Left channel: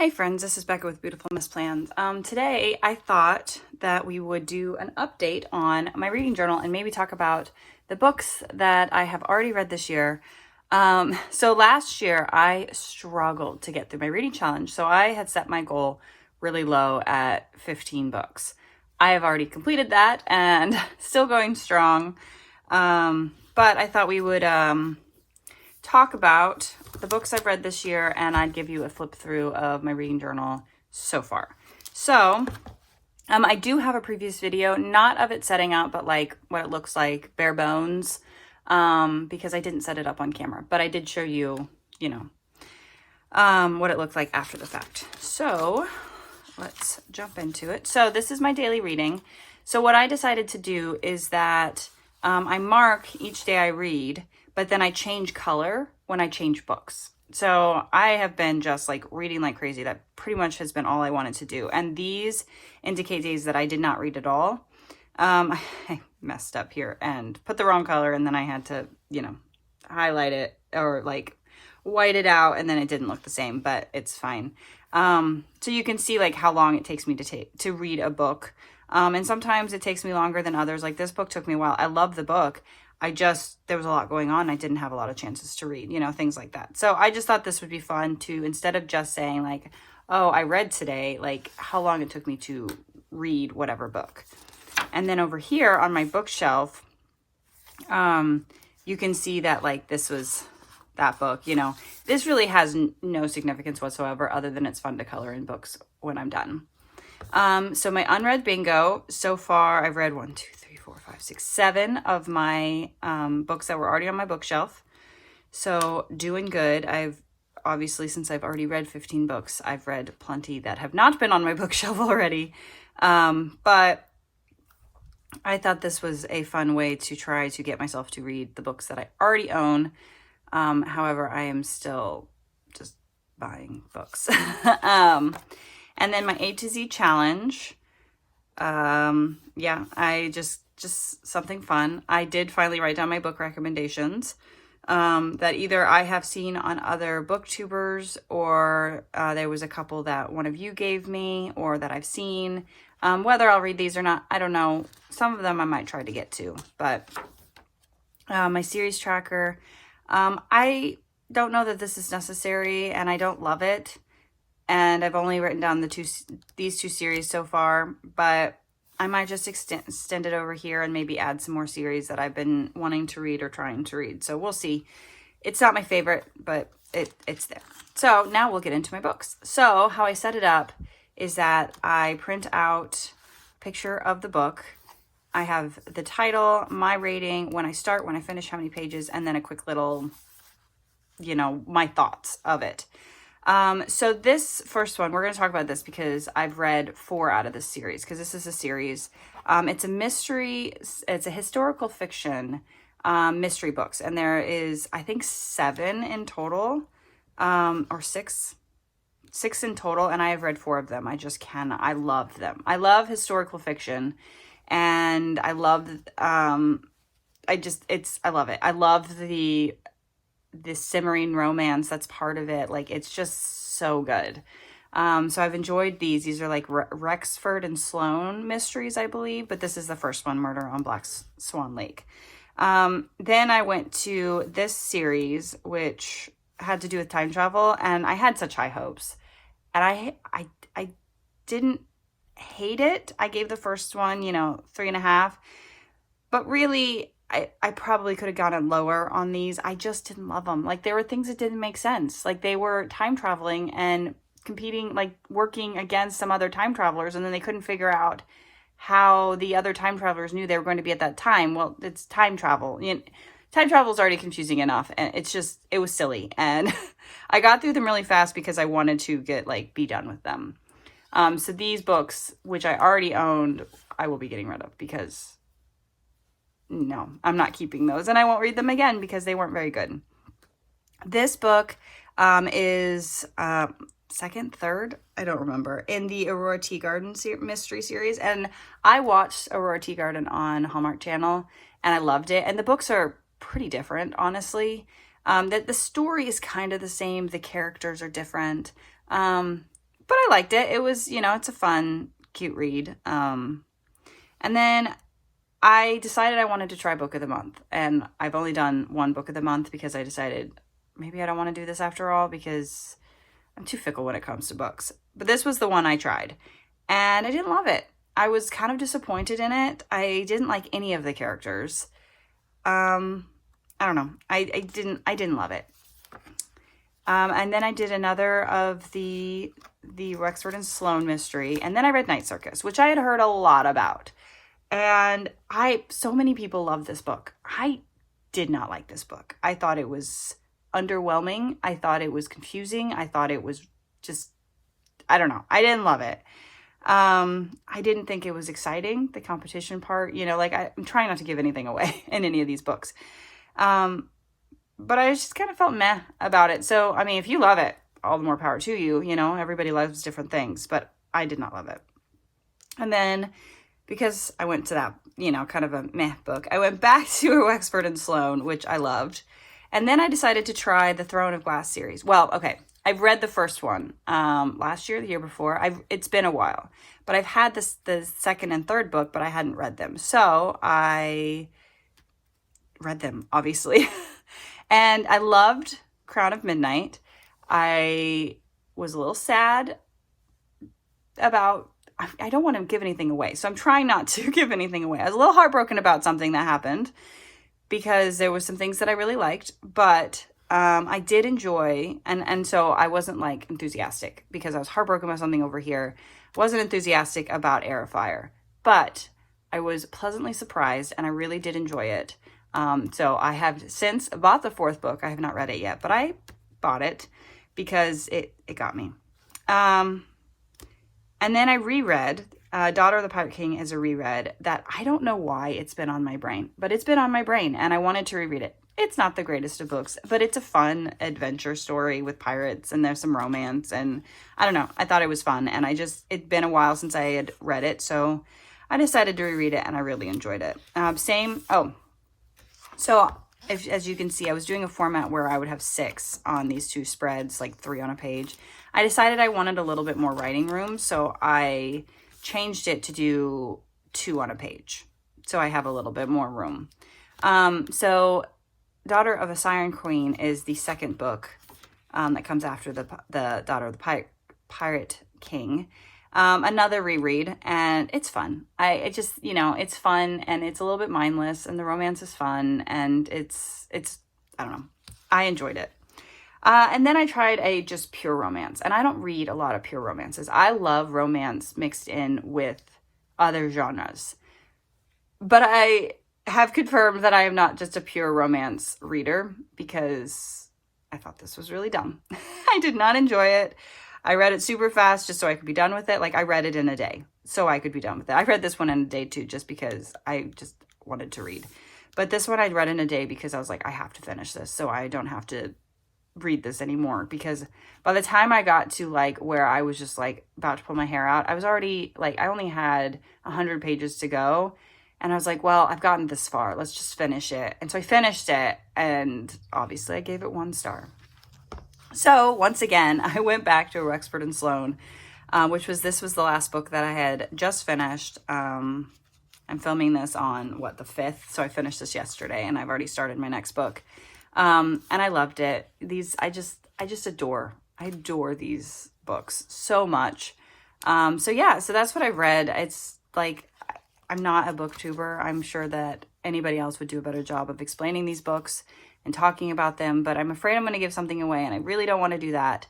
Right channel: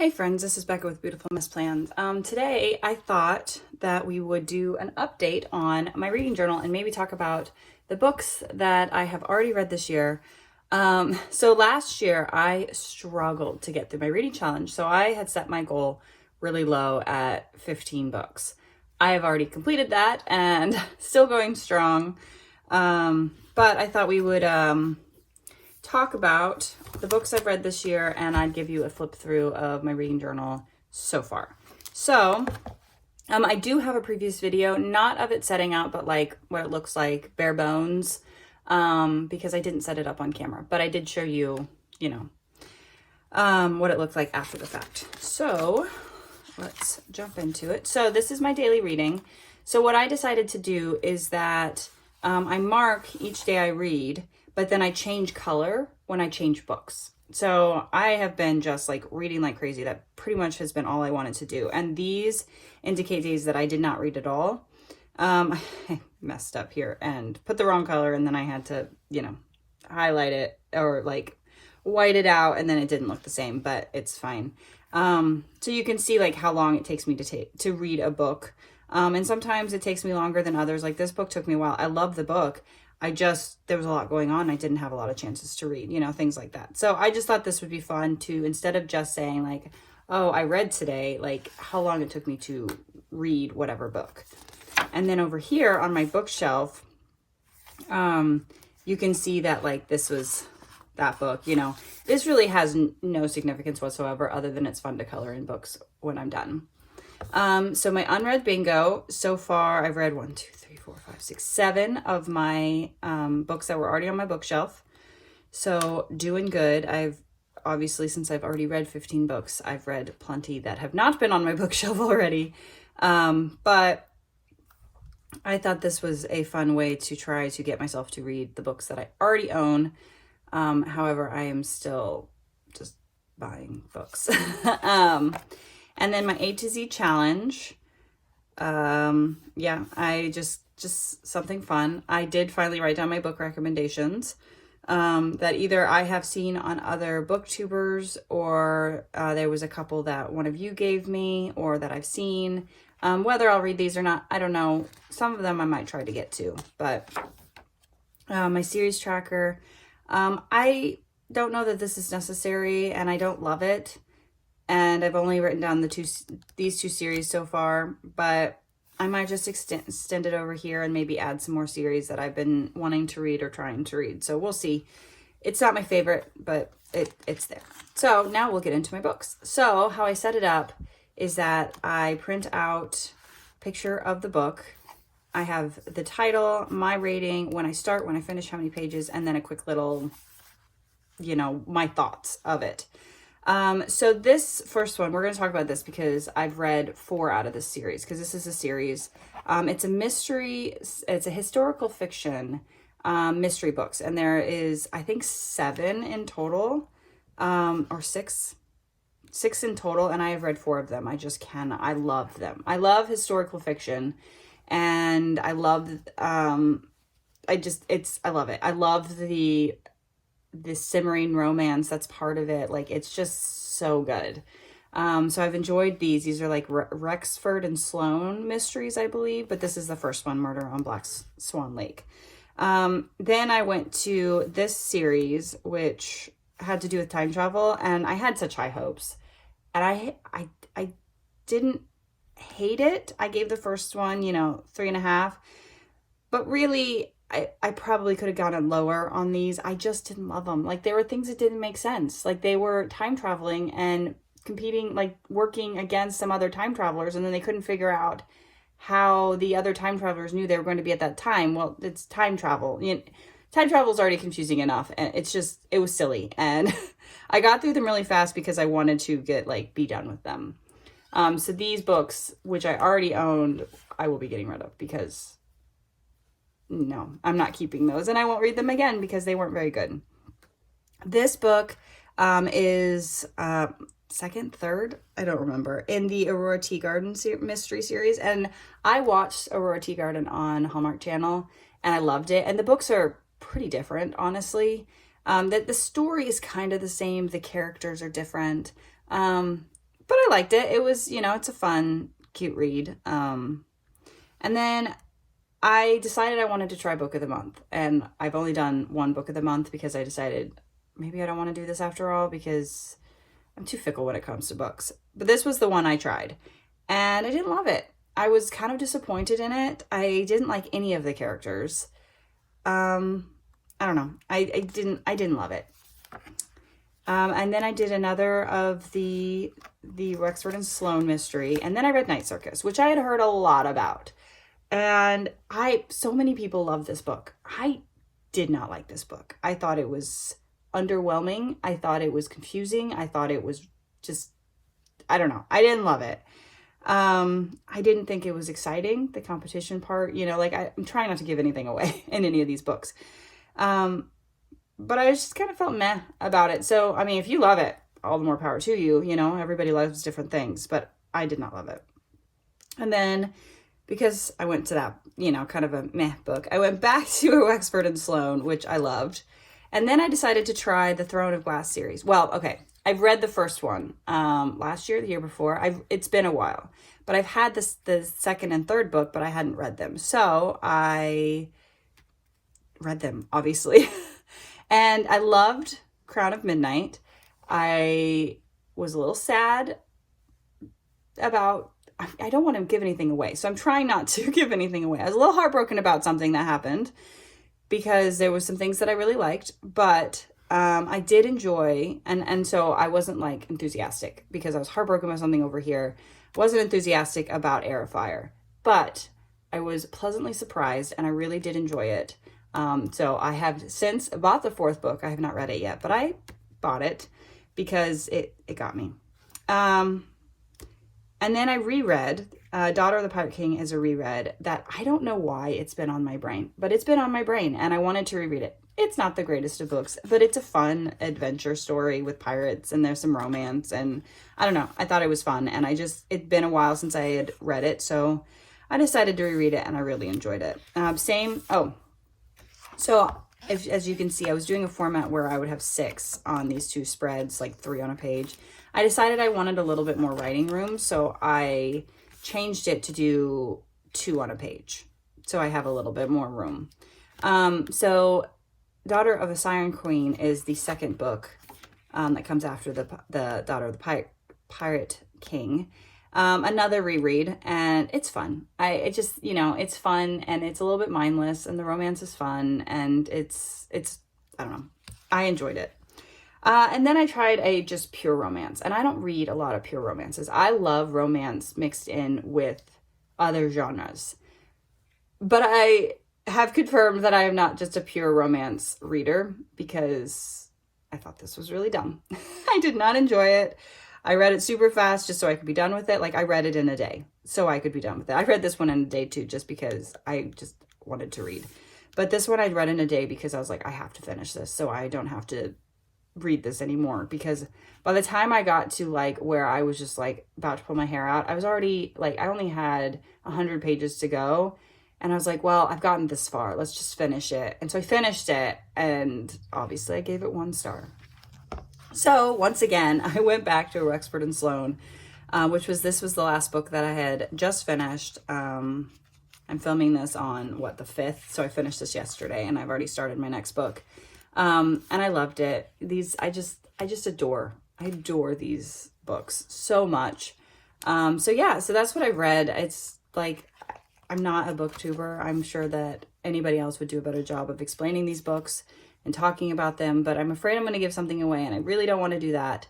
Hey friends, this is Becca with Beautiful Miss Plans. Today I thought that we would do an update on my reading journal and maybe talk about the books that I have already read this year. So last year I struggled to get through my reading challenge. So I had set my goal really low at 15 books. I have already completed that and still going strong. But I thought we would talk about the books I've read this year, and I'd give you a flip through of my reading journal so far. So I do have a previous video, not of it setting up, but like what it looks like bare bones, because I didn't set it up on camera, but I did show you, what it looked like after the fact. So let's jump into it. So this is my daily reading. So what I decided to do is that I mark each day I read, but then I change color when I change books. So I have been just like reading like crazy. That pretty much has been all I wanted to do. And these indicate days that I did not read at all. I messed up here and put the wrong color, and then I had to, highlight it or like white it out, and then it didn't look the same, but it's fine. So you can see like how long it takes me to read a book. And sometimes it takes me longer than others. Like this book took me a while. I love the book. There was a lot going on. I didn't have a lot of chances to read, things like that. So I just thought this would be fun to, instead of just saying like, oh, I read today, like how long it took me to read whatever book. And then over here on my bookshelf, you can see that like this was that book, this really has no significance whatsoever other than it's fun to color in books when I'm done. So my unread bingo, so far I've read 7 of my books that were already on my bookshelf. So doing good. I've obviously, since I've already read 15 books, I've read plenty that have not been on my bookshelf already. But I thought this was a fun way to try to get myself to read the books that I already own. However, I am still just buying books. And then my A to Z challenge. I just something fun. I did finally write down my book recommendations that either I have seen on other booktubers, or there was a couple that one of you gave me or that I've seen. Whether I'll read these or not, I don't know. Some of them I might try to get to, but my series tracker, I don't know that this is necessary and I don't love it. And I've only written down these two series so far, but I might just extend it over here and maybe add some more series that I've been wanting to read or trying to read. So we'll see. It's not my favorite, but it's there. So now we'll get into my books. So how I set it up is that I print out a picture of the book. I have the title, my rating, when I start, when I finish, how many pages, and then a quick little, my thoughts of it. So this first one, we're going to talk about this because I've read 4 out of this series, because this is a series. It's a mystery. It's a historical fiction, mystery books. And there is, I think 7 in total, or 6 in total. And I have read 4 of them. I love them. I love historical fiction, and I love, I love it. I love the simmering romance that's part of it. Like, it's just so good. So I've enjoyed these. These are like Rexford and Sloane mysteries, I believe, but this is the first one, Murder on Black Swan Lake. Then I went to this series, which had to do with time travel, and I had such high hopes. And I didn't hate it. I gave the first one, 3.5, but really, I probably could have gotten lower on these. I just didn't love them. Like, there were things that didn't make sense. Like, they were time traveling and competing, like working against some other time travelers, and then they couldn't figure out how the other time travelers knew they were going to be at that time. Well, it's time travel. Time travel is already confusing enough, and it was silly. And I got through them really fast because I wanted to be done with them. So these books, which I already owned, I will be getting rid of because no, I'm not keeping those, and I won't read them again because they weren't very good. This book is second, third, I don't remember, in the Aurora Teagarden mystery series, and I watched Aurora Teagarden on Hallmark Channel, and I loved it. And the books are pretty different, honestly. The story is kind of the same. The characters are different. but I liked it. It was, it's a fun, cute read. And then I decided I wanted to try book of the month, and I've only done one book of the month because I decided maybe I don't want to do this after all because I'm too fickle when it comes to books. But this was the one I tried, and I didn't love it. I was kind of disappointed in it. I didn't like any of the characters. I don't know. I didn't love it. And then I did another of the Wexford and Sloane mystery, and then I read Night Circus, which I had heard a lot about. And so many people love this book. I did not like this book. I thought it was underwhelming. I thought it was confusing. I thought it was just, I don't know. I didn't love it. I didn't think it was exciting, the competition part, I'm trying not to give anything away in any of these books. But I just kind of felt meh about it. So, I mean, if you love it, all the more power to you, everybody loves different things, but I did not love it. And then because I went to that, kind of a meh book, I went back to Wexford and Sloane, which I loved. And then I decided to try the Throne of Glass series. Well, okay, I've read the first one last year, the year before. It's been a while, but I've had the second and third book, but I hadn't read them. So I read them, obviously. And I loved Crown of Midnight. I was a little sad about, I don't want to give anything away, so I'm trying not to give anything away. I was a little heartbroken about something that happened because there was some things that I really liked, but I did enjoy, and so I wasn't like enthusiastic because I was heartbroken about something over here. I wasn't enthusiastic about Heir of Fire, but I was pleasantly surprised and I really did enjoy it. So I have since bought the fourth book. I have not read it yet, but I bought it because it got me. And then I reread, Daughter of the Pirate King is a reread that I don't know why it's been on my brain, but it's been on my brain and I wanted to reread it. It's not the greatest of books, but it's a fun adventure story with pirates and there's some romance and I don't know. I thought it was fun and it'd been a while since I had read it. So I decided to reread it and I really enjoyed it. So as you can see, I was doing a format where I would have 6 on these 2 spreads, like 3 on a page. I decided I wanted a little bit more writing room, so I changed it to do 2 on a page. So I have a little bit more room. So Daughter of a Siren Queen is the second book that comes after the Daughter of the Pirate King. Another reread, and it's fun. It's fun and it's a little bit mindless and the romance is fun and it's I don't know. I enjoyed it. And then I tried a just pure romance, and I don't read a lot of pure romances. I love romance mixed in with other genres, but I have confirmed that I am not just a pure romance reader because I thought this was really dumb. I did not enjoy it. I read it super fast just so I could be done with it. Like I read it in a day so I could be done with it. I read this one in a day too, just because I just wanted to read. But this one I read in a day because I was like, I have to finish this so I don't have to read this anymore. Because by the time I got to like where I was just like about to pull my hair out, I was already like, I only had 100 pages to go. And I was like, well, I've gotten this far. Let's just finish it. And so I finished it and obviously I gave it 1 star. So once again, I went back to Wexford and Sloane, this was the last book that I had just finished. I'm filming this on the 5th. So I finished this yesterday and I've already started my next book. And I loved it. I just adore these books so much. So that's what I've read. It's like, I'm not a booktuber. I'm sure that anybody else would do a better job of explaining these books and talking about them, but I'm afraid I'm going to give something away and I really don't want to do that.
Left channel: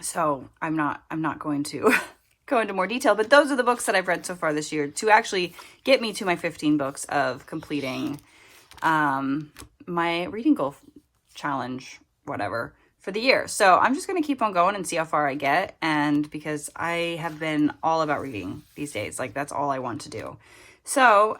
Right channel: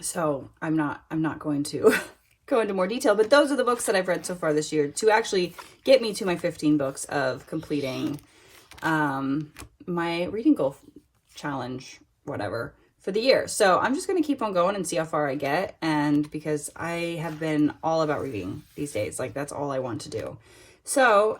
So I'm not going to go into more detail, but those are the books that I've read so far this year to actually get me to my 15 books of completing, my reading goal challenge, whatever, for the year. So I'm just going to keep on going and see how far I get. And because I have been all about reading these days, like that's all I want to do. So,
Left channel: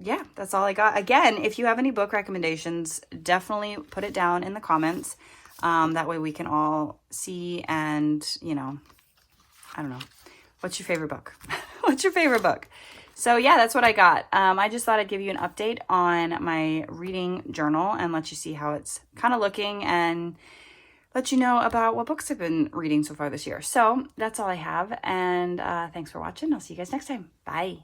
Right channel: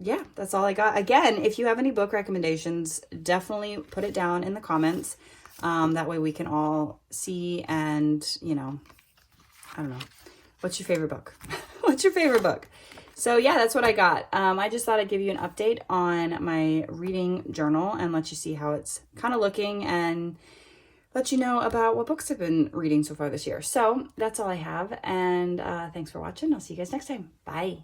yeah, that's all I got. Again, if you have any book recommendations, definitely put it down in the comments. That way we can all see and, I don't know. What's your favorite book? What's your favorite book? So yeah, that's what I got. I just thought I'd give you an update on my reading journal and let you see how it's kind of looking and let you know about what books I've been reading so far this year. So that's all I have. And thanks for watching. I'll see you guys next time. Bye.